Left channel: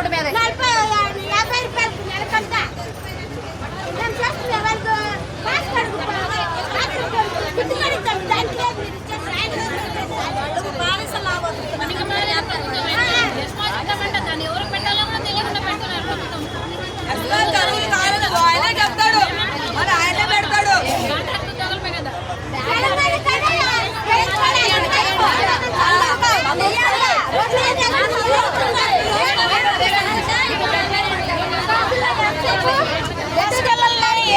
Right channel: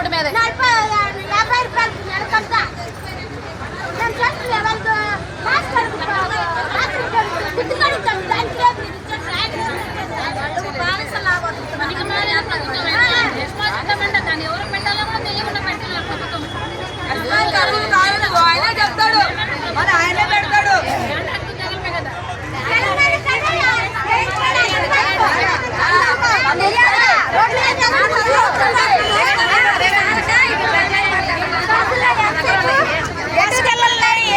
Road మీద 50 రూపాయలు నెలకంట మేము చేస్తున్న వాళ్ళతో దాన్ని ఎవరు పెట్టాలో కూడా తెలియకుండా పెడుతున్నారు ప్రభుత్వం. ఆయన చెప్తాడు మరి ఆయనే పెడతాడు.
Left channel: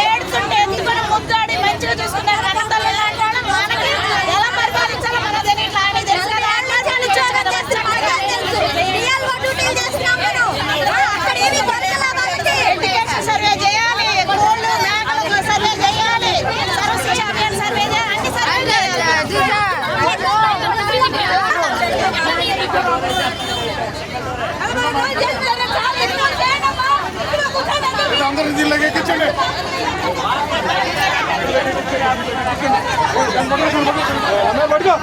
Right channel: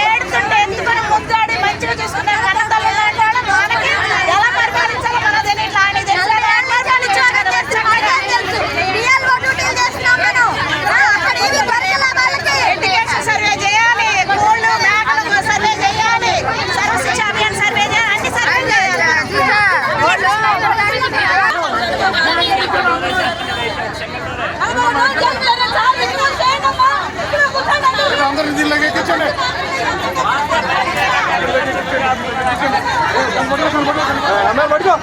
ఏడుతుంటే ఎందుకని ముద్దాడి మంచిగా చూసుకున్నారు కన్నతల్లి లాంటి వాళ్ళ మనకి ఎలా పరిపాలించాలో మన ఎడ్యుకేషన్ సర్వే చేయాలి, కోళ్ళు మేకలు సర్వే చేయాలి, సర్వశిక్ష అభియాన్ సర్వే చేయాలి, అన్ని సర్వే చేయాలి. అందరూ జిల్లాకి ఎక్కించండి. పడుకో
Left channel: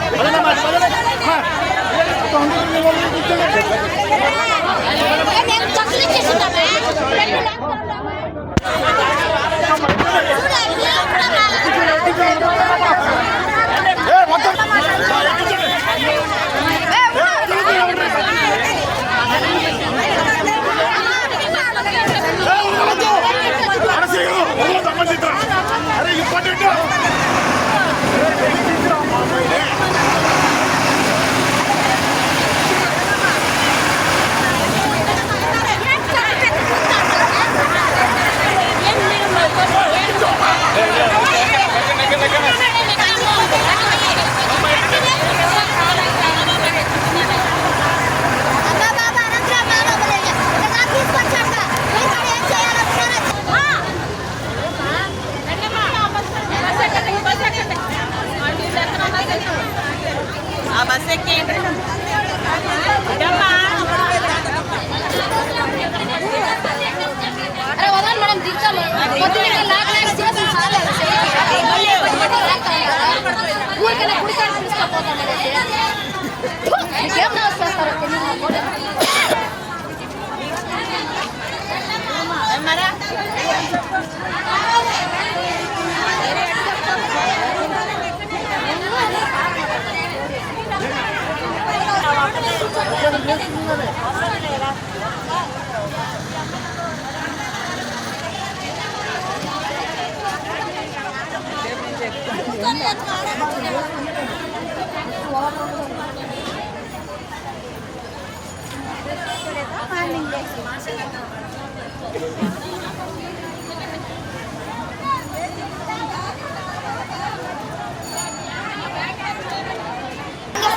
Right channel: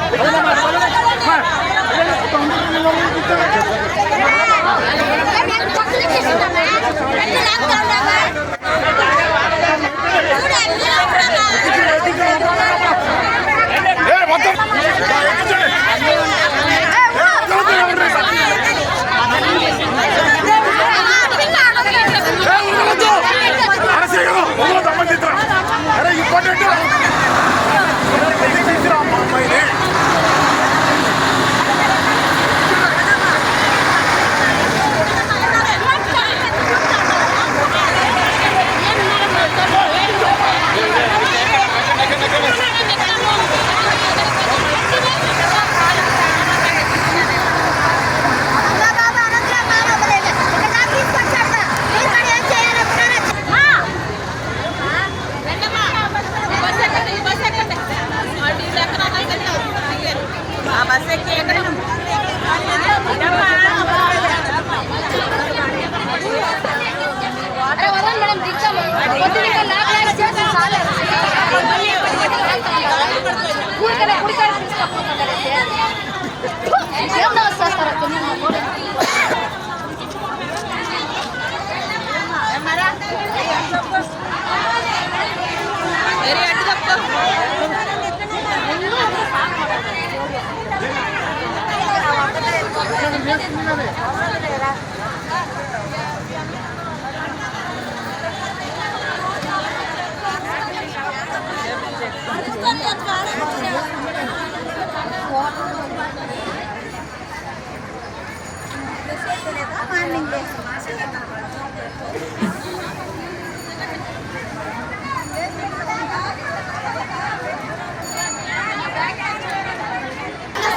అరే ఇంపార్టెంట్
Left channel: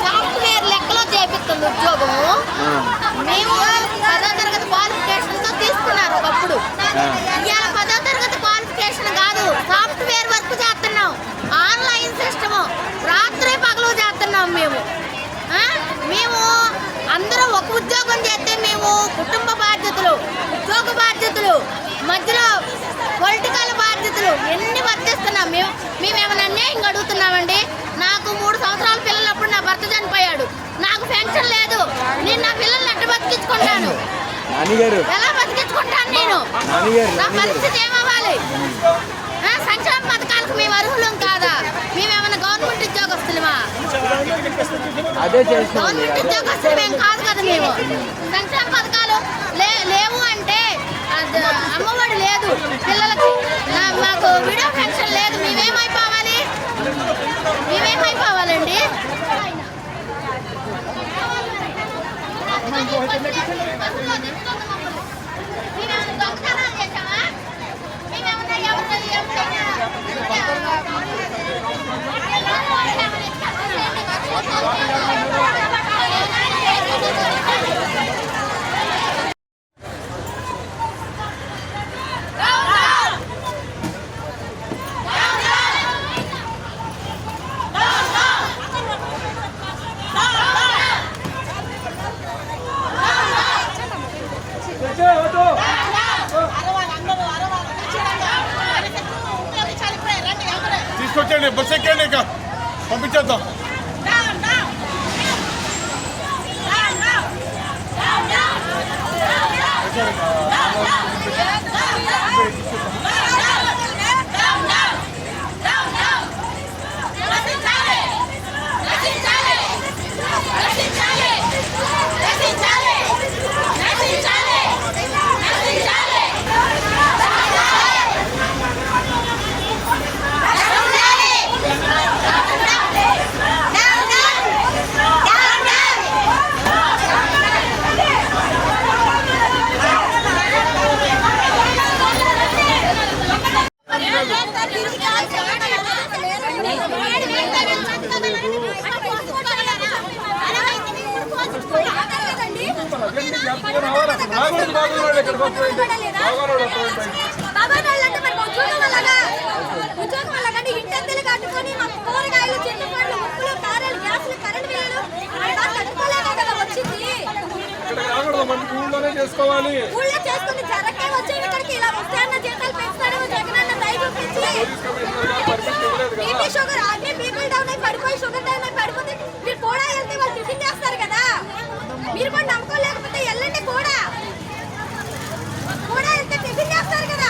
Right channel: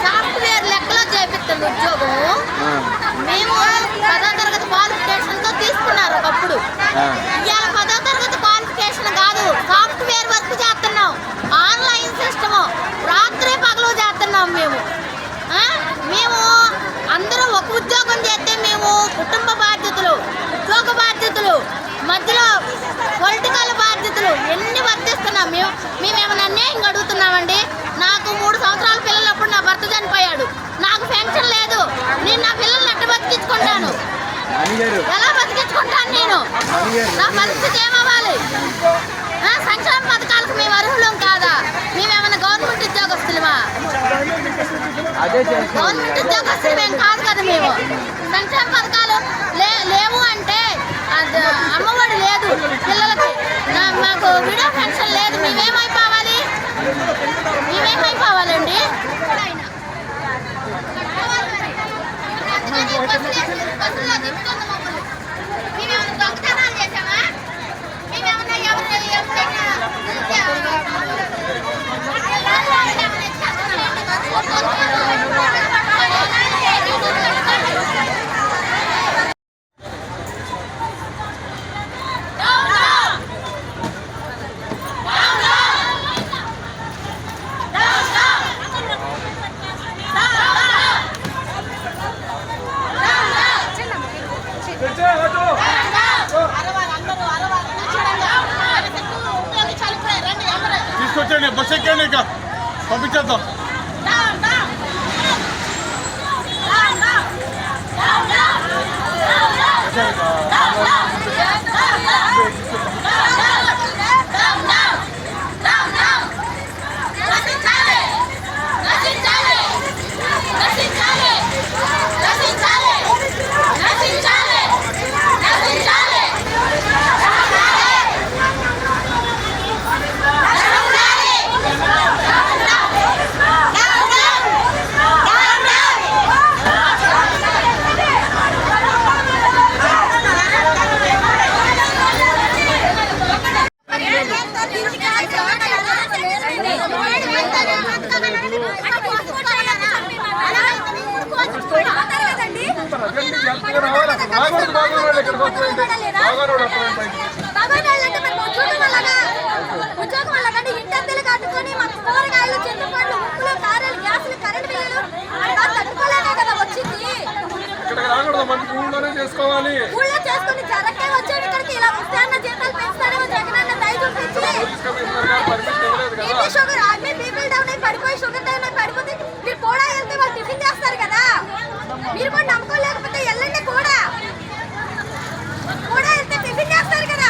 సాఫ్ట్వేర్ లెక్కలో చేపిస్తుంది ఉద్యోగము. మేము 10వ తరగతి క్వాలిఫికేషన్ తో తీసుకున్నారు ఒకప్పుడు. ఇవాళ 10వ తరగతి క్వాలిఫికేషన్ కాదు, సాఫ్ట్వేర్ వర్క్ చేస్తున్నాం, ఆన్లైన్ సిస్టమ్, రాత్రి పగలు చేస్తున్నాం. మేము అందరం ఒక ఉద్యోగం చేస్తే మేము కుటుంబ బాధ్యతలు, ఉద్యోగ బాధ్యతలు, మధ్యలో పొలిటికల్ బాధ్యతలు ఎన్ని వర్తిస్తున్నాం. మేమేమైనా అన్యాయంగా అడుగుతున్నామండి. నాకు 3 సంవత్సరాల పిల్లలప్పుడు నా భర్త చనిపోయాడు, నాకు పెన్షన్ లేదు. నేను నా పిల్లల్ని ఎట్ట బతికించుకుంటాను? ఎలా బతికించుకుంటాను నేను? నా పరిస్థితి ఏమవ్వాలి? సంక్షేమ పథకాలకు మేము అర్హులం కాదా? మేమేమన్నా గవర్నమెంట్ ఉద్యోగస్తులమా? గవర్నమెంట్ ఉద్యోగస్తులు మేము కాదు కదా. మేము సంక్షేమ పథకాలు లేవు అంటే అమ్మఒడి లేదు పిల్లలకి, మాకు విడో పెన్షన్ లేదు. మేమేమైపోవాలి? మేమేమైపోవాలండి? తీసుకొచ్చండి, బస్ ఎక్కండి, ఇక పంపించేద్దాం. No! బాబాయ్లంటే మరి ఉద్యోగం వల్ల ఇంటద్దెలు కట్టుకొని మాకు కూరగాయలు చింతపండ్లు ఉప్పులు కారాలు గ్యాసులు కరెంట్ బిల్లులు మరి బాగా కట్టుకోలేక కదా వచ్చింది. ఊళ్ళో చేసుకుని జరక్కే వచ్చేవి ఇక్కడికి ఇలా వస్తే అన్న జీతాలు పెంచుతాడేమో జగనన్న దయ చూపించి బీపీ షుగర్ అన్ని బీపీలు డౌన్ అయి పడిపోయి షుగర్ డౌన్ అయి పడిపోతే మీరు కూడా వెళ్తే వాళ్ళు టిఫిన్ చేస్తారు కదా. మీరు కూడా నమ్ముకోలేకపోతే వెళ్ళండి కూడా వెళ్తే టిఫిన్ చేస్తారు కదా.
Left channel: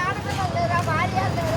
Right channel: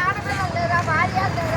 ఆడపిల్లలు లేరా భార్య లేరా